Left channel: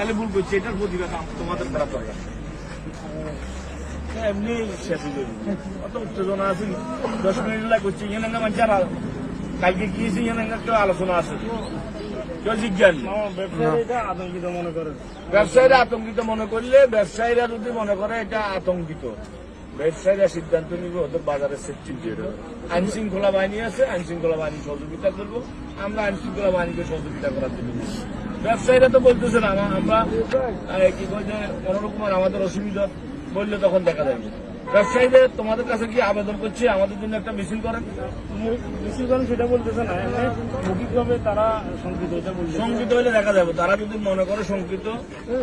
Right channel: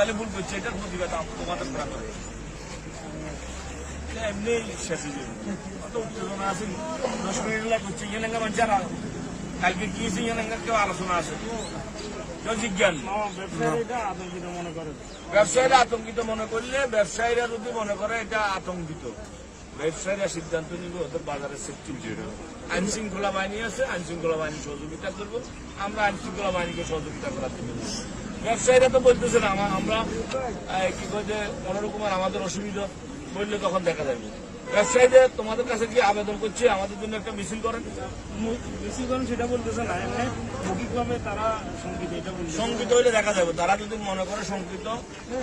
তাহলে ভুল করছে, এটার প্রতিবাদ তোমাদের করা দরকার। এমনি শেষ হয়ে যাবে, অত উত্তেজনা আছে 10 মিনিট লাগছে এখানে না মানুষ। আর কালকে গিয়েছি এখানে কেউ আলোচনা আছে, কেউ জিজ্ঞান আতঙ্কিত মনে করে। ব্যবসায়ীরা আতঙ্কিত মনে করলে, ব্যবসায়ীরা যদি মনে করে এটা আতঙ্কিত, ব্যবসায়ীরা সিদ্ধান্ত নিবে ওদের বাজারের সেফটি। আইন শৃঙ্খলা বাহিনী আছে, আইন শৃঙ্খলা বাহিনী সহযোগিতা করবো, আমরা আইন শৃঙ্খলা বাহিনীকে সহযোগিতা করার জন্য। ব্যবসায়ীরা তো বলতেছে না আমরা কি বলছে কোনোরকম আমাদের অসুবিধা বললে তখন দেখা যায়। ব্যবসায়ীদের তোমাদের কাছে কি আবেদন করছি আমাদের জন্য একটা মিছিল করেন। মিছিল করেন সেটা বলতেছে না, মৌখিকভাবে তারা শঙ্কিত, এটা শঙ্কিত হলে দেখা যাবে। তারা যদি মনে করে শঙ্কিত,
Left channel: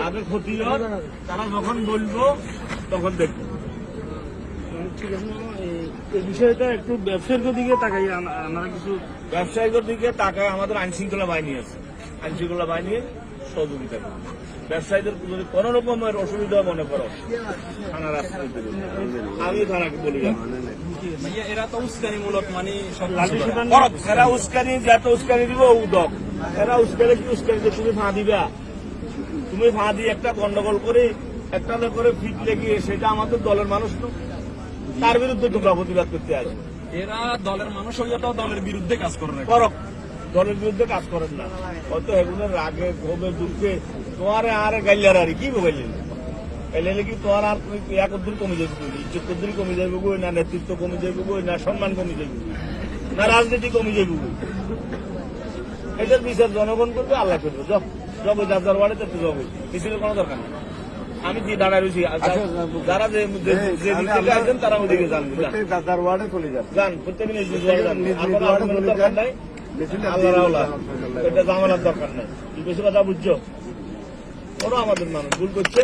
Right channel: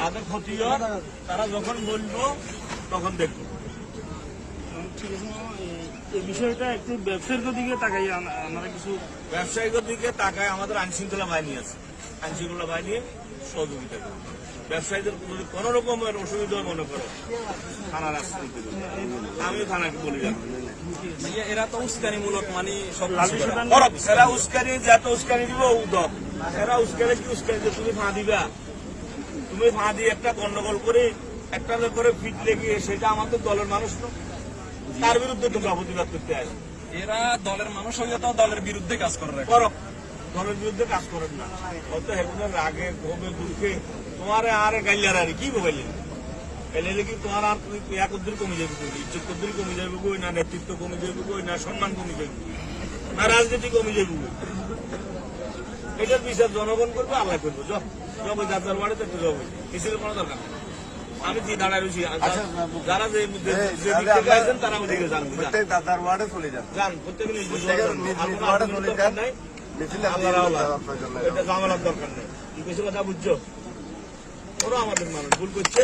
তাদের ক্ষতি হয়, তারা যখন বলবো তখন দেখবো। ঠিক আছে, এই বিষয়টা একটু ব্যবসায়ীর দিকে তাকাই, আমরা কিছু ব্যবসায়ীদের দিকে তাকাই। আমাদের আইন শৃঙ্খলা বাহিনী আছে, আইন শৃঙ্খলা বাহিনীর সহযোগিতা করবে। ব্যবসায়ীদের যদি কোন রকমের অসুবিধা মনে করো, থানার আশ্রয় দেবে, আমি থানাকে বলি। এরা তো উস্কানিমূলক, মানে এরা উস্কানি, যত উস্কানি দিব উদক, এরা উস্কানি কি উস্কানি তুমি ফাঁ দিবা, তুমি ফাঁ দিয়ে একটা গন্ডগোল করে একটা করে ফিট লেগে, সেটা আমাদের দলের মানুষ তো, তার বিরুদ্ধে তোমরা প্রতিবাদ করতে আসে। এরা দলের মানুষ হইলে তো দলের বিরুদ্ধে কাজ করে না, করো দলের বিরুদ্ধে কাজ করেন না। হয়তো এগুলোর আগে ঘুমে দুঃখে তোমার আর গাইলার আর কি বললেন, এলে কি তোমার আর তুমি এক দূর কমে যাবে, ইজ্জত কদ্দুর কমে যাবে, না নেতৃত্ব কমে যাবে, না সম্মান কমে যাবে, না রাজনীতি কমে যাবে। এটা বিচার জনগণ করবে, আল্লাহ করবে। যাবো যার যার বাড়িতে তো যাবো, মিছিলের কোনো দরকার নেই। আমি যে দাঁড়ায় রয়েছি, যারা যে দিক থেকে আসবেন তারা ওদিকে যান, দাদার ওয়ার্ডে চলে যান, যান প্রত্যেকে নিজ নিজ দরকার নাই, এটা জামানোর দরকার নেই। বেশি কথা বুঝছো, ওরা আমাদের মানুষ ভুল করছে।